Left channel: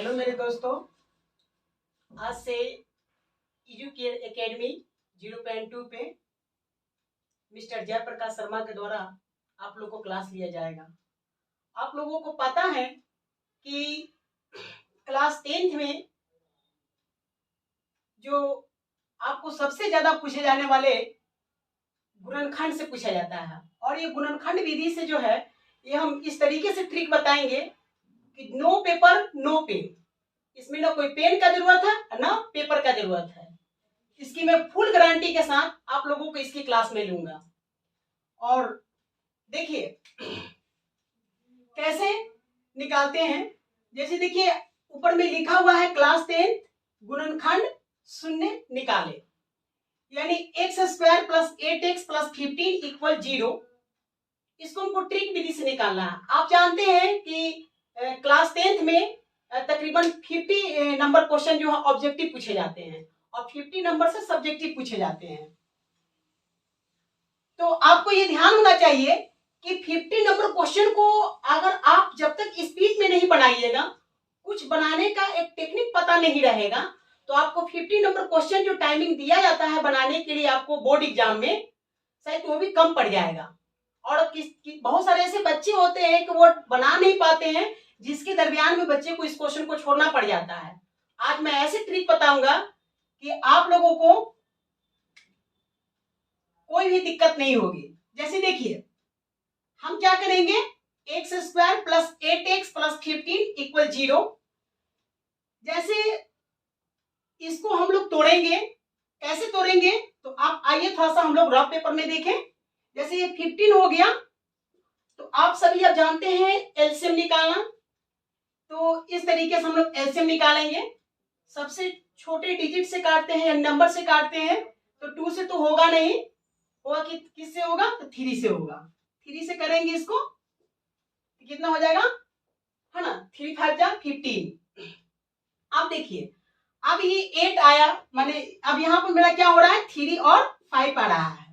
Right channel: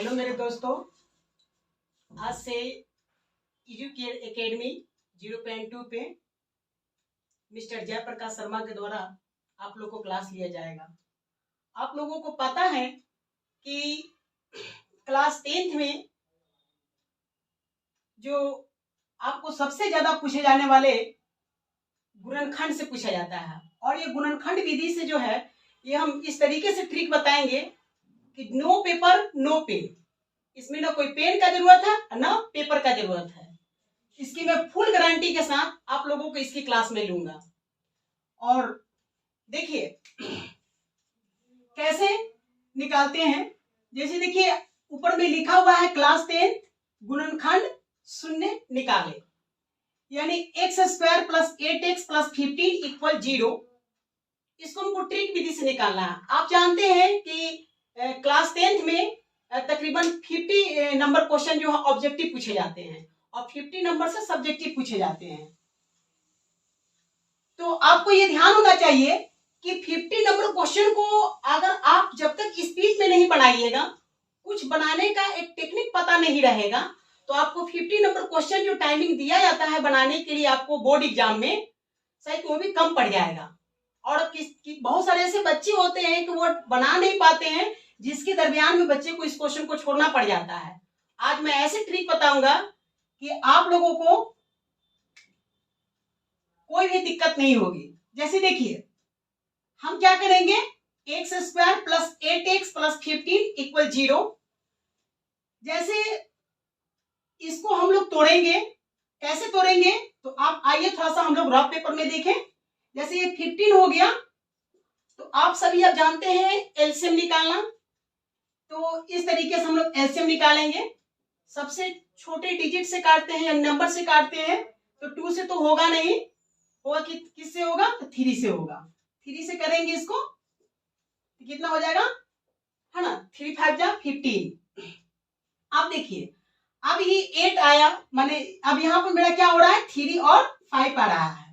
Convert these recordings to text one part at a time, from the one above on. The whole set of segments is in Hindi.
हेलो मेरे दोस्तों, आज से एजुकेयर एकेडमी 0.2 पे मिस्टर जयप्रकाश शर्मा के द्वारा आप लोगों को क्लास लिया जाएगा। आप लोगों को पता है कि क्लास 10th में जो आपको सबसे ज्यादा पूछे जाने वाले गुणनखंड से पूछा जाता है, और ये गुणनखंड विधि से जो है ये हम इस तरीके से ट्रिक बताएंगे कि नो पेपर नो पेन। इसमें ना कोई पेन का जरूरत है ना पेपर का जरूरत है। इसकी मैं फुल गारंटी के साथ आप लोगों को इसकी क्लास में लूंगा। और देखिए कैसे निकालते हैं। जैसे देखिए ऊपर में लिखा हुआ है क्लास 10 गुणनखंड शून्य निकाले, यानी x² + 8x + 15 = 0। इसको हमको ट्रिक विधि से निकालना है। आप जानते हैं कि क्लास 10th में तकरीबन 50 नंबर क्वेश्चन जो है ऑब्जेक्टिव पूछे जाते हैं और 50 नंबर से सब्जेक्टिव पूछे जाते हैं। तो आपको ये ध्यान होना चाहिए कि 50 नंबर क्वेश्चन को अगर आप जब तक स्पीच में नहीं बनाइएगा, कुछ बनाने का एक टेक्निक पता नहीं रहेगा, तो आपको 50 नंबर क्वेश्चन जो टाइमिंग दिया जाता है बनाने के लिए आपको बोर्ड एग्जाम में, शायद वो भी कम पड़ जाएगा। और बहुत सारे ऐसे बच्चे होते हैं कि वो बना नहीं पाते हैं, जिसके दरमियान में बच्चे को इस क्वेश्चन को छोड़ना पड़ जाता है। आज मैं ऐसे ट्रिक बताऊंगा कि आप लोगों को कोई भी दिक्कत नहीं होगी। जैसे देखिए हम क्या करेंगे, x² + 8x + 15 = 0। जैसे इसको हम लोग तोड़ेंगे, कैसे तोड़ेंगे तो आप आइए थोड़ा सा हम लोग रफ पेपर में देखें। जैसे ये 15 हो गया, तो आप सभी अब जानते हैं एलसीएम निकालना। तो इस तरीके से हम लोग एलसीएम निकालेंगे। सबसे छोटे डिजिट से काटते हैं या नंबर से काटते हैं, तो 2 से तो होगा नहीं, होगा किससे होगा, तो 3 से होगा। 3 से करेंगे इसको, कितना हो जाएगा, है ना, 3 × 5 = 15। अब देखिए अब ये 8 आया, माने अब यहाँ पर मेरा क्या हो रहा है, 3 और 5 आ रहा है।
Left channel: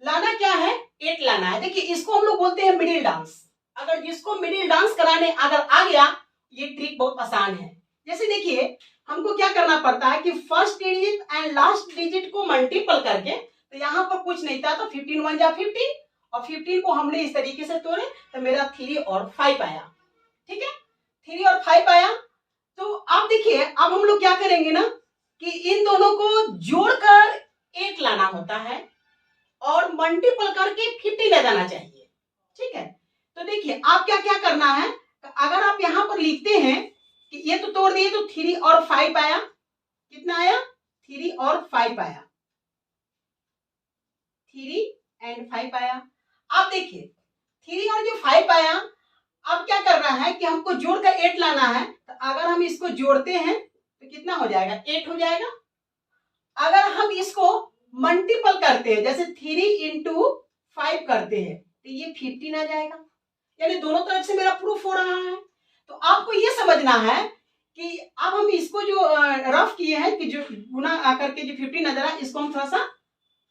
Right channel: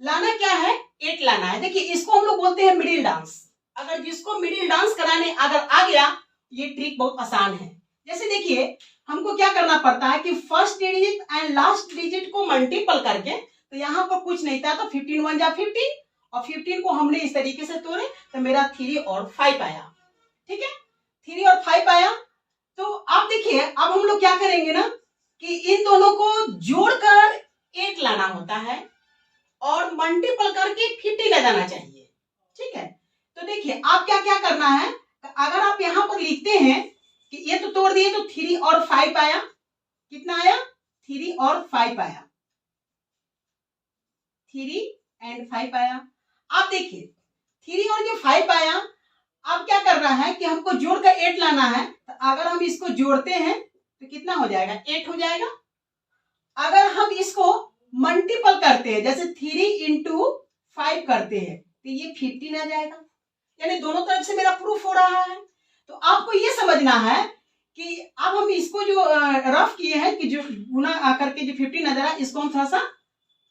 लाना क्या है, 8 लाना है। देखिए इसको हम लोग बोलते हैं मिडिल डांस। अगर जिसको मिडिल डांस कराने अगर आ गया, ये ट्रिक बहुत आसान है। जैसे देखिए हमको क्या करना पड़ता है कि first digit and last digit को मल्टीपल करके, तो यहाँ पर कुछ नहीं था तो 15 × 1 = 15, और 15 को हमने इस तरीके से तोड़े तो मेरा 3 और 5 आया। ठीक है, 3 और 5 आया। तो अब देखिए अब हम लोग क्या करेंगे ना कि इन दोनों को जोड़कर 8 लाना होता है और मल्टीपल करके 50 ले जाना चाहिए। ठीक है, तो देखिए आप क्या क्या करना है, अगर आप यहाँ पर लिखते हैं कि ये तो तोड़ दिए तो 3 और 5 आया। कितना आया, 3 और 5 आया, 3 और 5 आया। आप देखिए 3 और जो 5 आया, अब क्या करना है कि हमको जोड़कर 8 लाना है। तो अगर हम इसको जोड़ते हैं तो कितना हो जाएगा, 8 हो जाएगा। अगर हम इसको मल्टीपल करते हैं, जैसे 3 × 5 करते हैं, तो ये 15 आ जाएगा। यानी दोनों तरफ से मेरा प्रूफ हो रहा है। तो आपको ये समझना है कि अब हम इसको जो रफ किए हैं कि जो गुना करके जो 15 नजर आए, इसको हम थोड़ा सा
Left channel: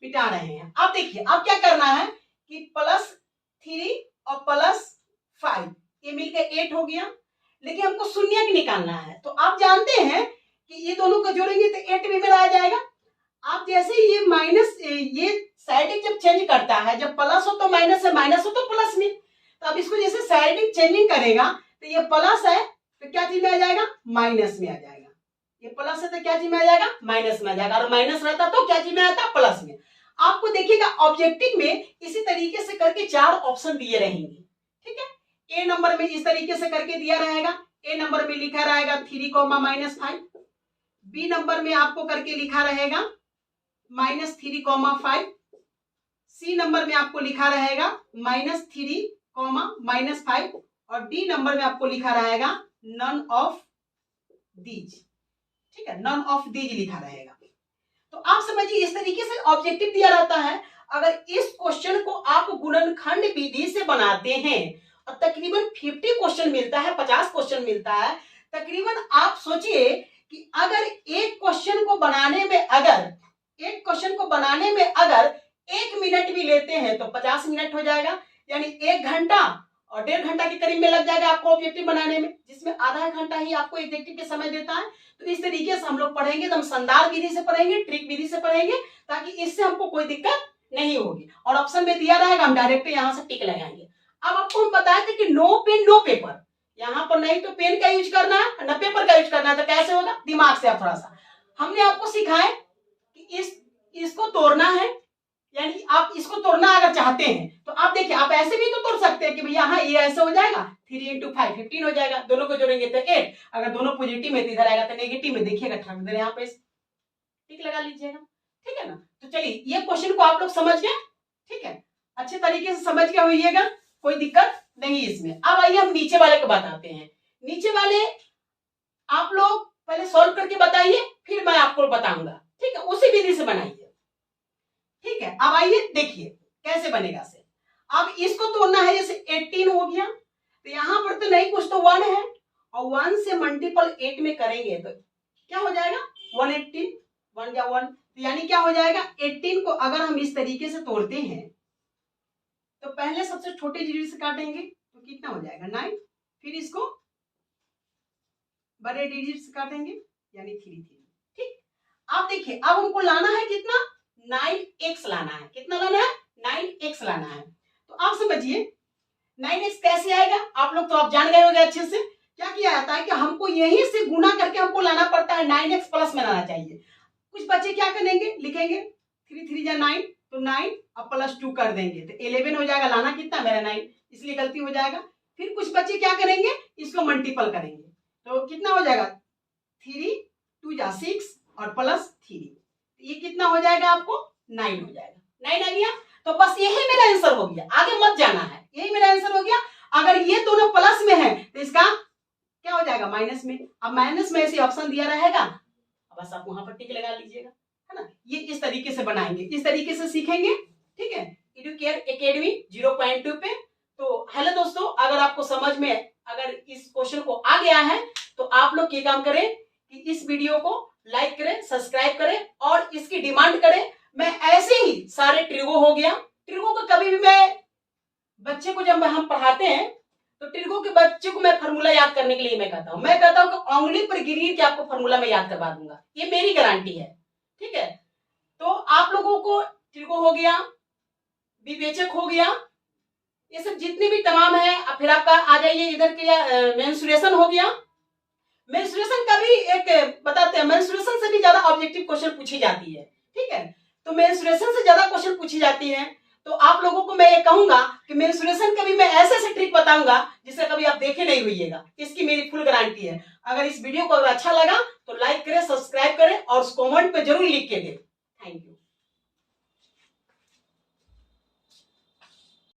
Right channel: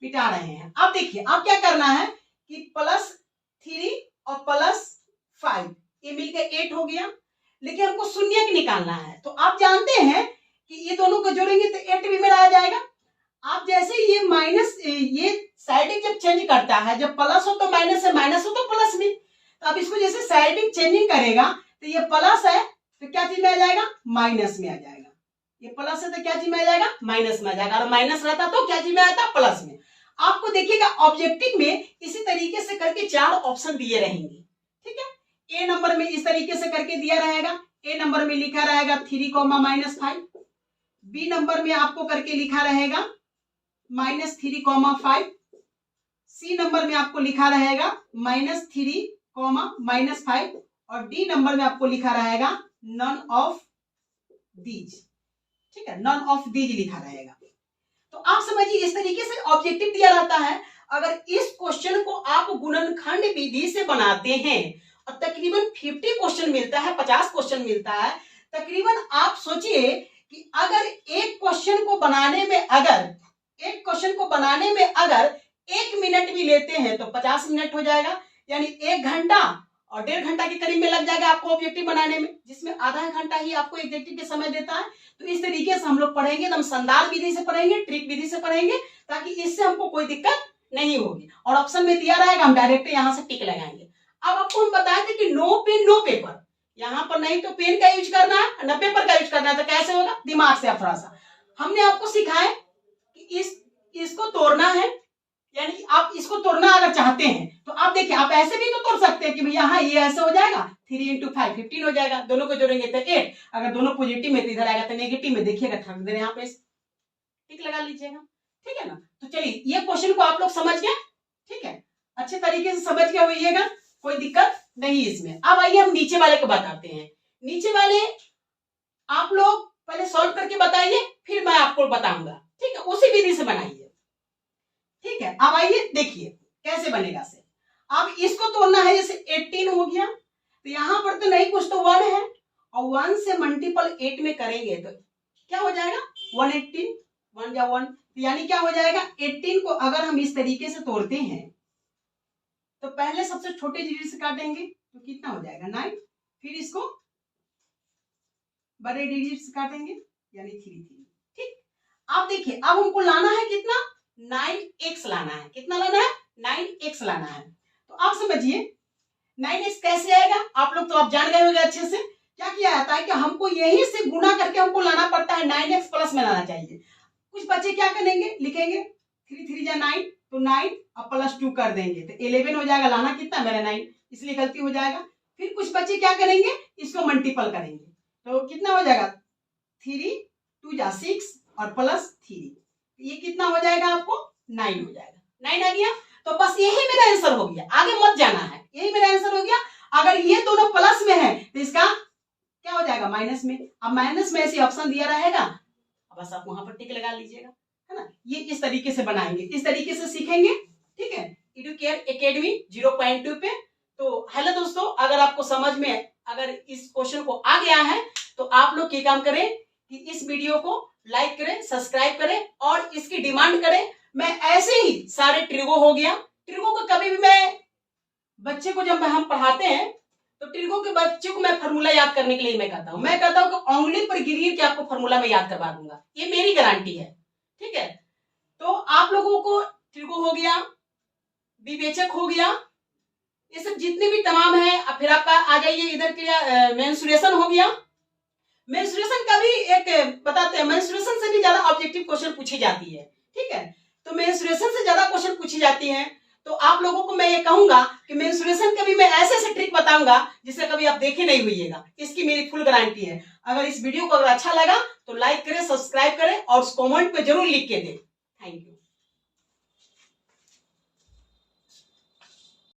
मिटा रहे हैं। अब देखिए अब क्या करना है कि +3 और +5 ये मिलकर 8 हो गया, लेकिन हमको शून्य निकालना है। तो आप जानते हैं कि ये दोनों को जोड़ेंगे तो 8 भी मेरा आ जाएगा। आप जैसे ये माइनस, ये साइडिंग जब चेंज करता है, जब प्लस हो तो माइनस है, माइनस हो तो प्लस में, तो अब इसको जैसे साइडिंग चेंजिंग करेगा तो ये प्लस है तो क्या चीज में आ जाएगा, माइनस में आ जाएगा। ये प्लस है तो क्या चीज में आ जाएगा, माइनस में आ जाएगा। और माइनस रहता तो क्या चीज में आता, प्लस में। आपको देखिएगा ऑब्जेक्टिव में इसी तरीके से करके 4 ऑप्शन दिए रहेंगे। ठीक है, ए नंबर में इस तरीके से करके दिया रहेगा। ए नंबर में लिखा रहेगा 3, -5। बी नंबर में आपको करके लिखा रहेगा -3, 5। सी नंबर में आपको लिखा रहेगा -3, -5। और डी नंबर में आपको लिखा रहेगा नन ऑफ दीज। ठीक है, नन ऑफ दीज लिखा रहेगा। तो आप समझिए इस तरीके से ऑब्जेक्टिव दिया रहता है। अगर इस क्वेश्चन को आप गुणनखंड विधि से बनाते हैं और तकरीबन 50 क्वेश्चन मिलता है, 50 क्वेश्चन मिलता है, तकरीबन आप सोचिए कि अगर एक क्वेश्चन को बनाने में अगर 1 मिनट भी लेते हैं तो 50 मिनट हो जाएगा, यानी 1 घंटा और 1.5 घंटा के करीब में लग जाएगा आपको ऑब्जेक्टिव बनाने में, जिसमें आधा घंटा ही आपको एग्जेक्टिव के समय देता है। तो इस तरीके से हम लोग पढ़ेंगे, एकदम शानदार विधि से पढ़ेंगे, ट्रिक विधि से पढ़ेंगे, ताकि इससे हमको कोई दिक्कत नहीं होगी। और ऑप्शन में दिया रहेगा, हम डायरेक्ट यहाँ से टिक लगाएंगे। अब आपको हम बताए थे कि नो पेन नो पेपर, यहाँ पर नहीं तो पेन का यूज करना है ना पेपर का यूज करना है। तो कैसे होगा, दिमाग से आप थोड़ा सा, हमने आपको सिखाया कि इसको तोड़ना है, यानी आप इसको तोड़ना अगर चाहते हैं तो आप देखिए, आप ऐसे भी तो तोड़ सकते हैं कि भैया हाँ ये ऐसे हो जाएगा, 3 × 5 15 हो जाएगा, दोनों को जोड़ेंगे तो 8, अगर दोनों पॉजिटिव में तो इधर आएगा तो नेगेटिव में, देखिएगा ठग दे यहाँ पे टिक लगा लीजिएगा, ठीक है ना। तो चलिए ये क्वेश्चन को आप लोग समझ गए, ठीक है, अच्छे तरीके से समझ के होइएगा, कोई दिक्कत नहीं इसमें। अब आइए हम नीचे वाले को बताते हैं। नीचे वाले आप लोग पहले सॉल्व करके बताइए, फिर मैं आपको बताऊंगा, ठीक है, उसी विधि से बनाइए, ठीक है। अब आइए देखिए कैसे बनेगा से। अब इसको तोड़ना है, जैसे 18 हो गया, तो यहां पर तो नहीं कुछ, तो 1 है, और 1 से मल्टीपल 8 में करेंगे तो क्या हो जाएगा, 118, 1 या 1, यानी क्या हो जाएगा, 18 को अगर हम इस तरीके से तोड़ते हैं तो पहले सबसे छोटे डिजिट से काटेंगे तो कितना हो जाएगा, 9, फिर इसको बड़े डिजिट से काटेंगे यानी 3, ठीक। अब देखिए, अब हमको लाना है कितना, 9x लाना है, कितना लाना है, 9x लाना है। तो आप समझिए 9x कैसे आएगा, आप लोग तो आप जान गए होंगे अच्छे से। क्या किया जाता है कि हमको यहीं से गुना करके हमको लाना पड़ता है, 9x प्लस में लाना चाहिए। कुछ बच्चे क्या करेंगे, लिखेंगे 3 3 जा 9, तो 9 अब +2 कर देंगे तो 11 हो जाएगा, लाना कितना मेरा 9, इसलिए गलती हो जाएगा। फिर कुछ बच्चे क्या करेंगे, इसको मल्टीपल करेंगे तो कितना हो जाएगा, 3 2 जा 6 और +3, ये कितना हो जाएगा आपको, 9 हो जाएगा, 9 आ गया। तो बस यही मेरा आंसर हो गया, आगे मत जाना है, यही मेरा आंसर हो गया। अगर ये दोनों प्लस में है तो इसका क्या हो जाएगा, माइनस में। अब माइनस में ऐसे ऑप्शन दिया रहेगा, बस आप वहां पर टिक लगा लीजिएगा, है ना। ये इस तरीके से बनाएंगे, इस तरीके से सीखेंगे, ठीक है, एडुकेयर एकेडमी 0.2 पे। तो हेलो दोस्तों, अगर आपको समझ में, अगर इस क्वेश्चन को आ गया है तो आप लोग ये काम करें कि इस वीडियो को लाइक करें, सब्सक्राइब करें और इसकी डिमांड करें। मैं ऐसे ही सारे ट्रिगो हो गया, ट्रिगो को कभी भी मैं बच्चे को जब हम पढ़ाते हैं तो ट्रिगो के बच्चे को मैं फार्मूला याद करने के लिए मैं कहता हूं कि उंगली पर गिरी के आपको फार्मूला मैं याद करवा दूंगा, ये मेरी गारंटी है, ठीक है। तो आप लोगों को ट्रिगो हो गया, विवेचक हो गया, ये सब जितने भी तमाम है, फिर आपका आ जाइए इधर के मेंसुरेशन हो गया। मेंसुरेशन का भी एक बताते हैं, मेंसुरेशन से भी ज्यादा ऑब्जेक्टिव क्वेश्चन पूछी जाती है, ठीक है। तो मेंसुरेशन से ज्यादा क्वेश्चन पूछी जाती है, तो आप लोगों को मैं ये कहूंगा कि मेंसुरेशन का भी मैं ऐसे ऐसे ट्रिक बताऊंगा जिसे कभी आप देखे नहीं हुईएगा, इसकी मेरी फुल गारंटी है। अगर इस वीडियो को अगर अच्छा लगा तो लाइक करें, सब्सक्राइब करें और कमेंट पे जरूर लिख के दें। Thank you.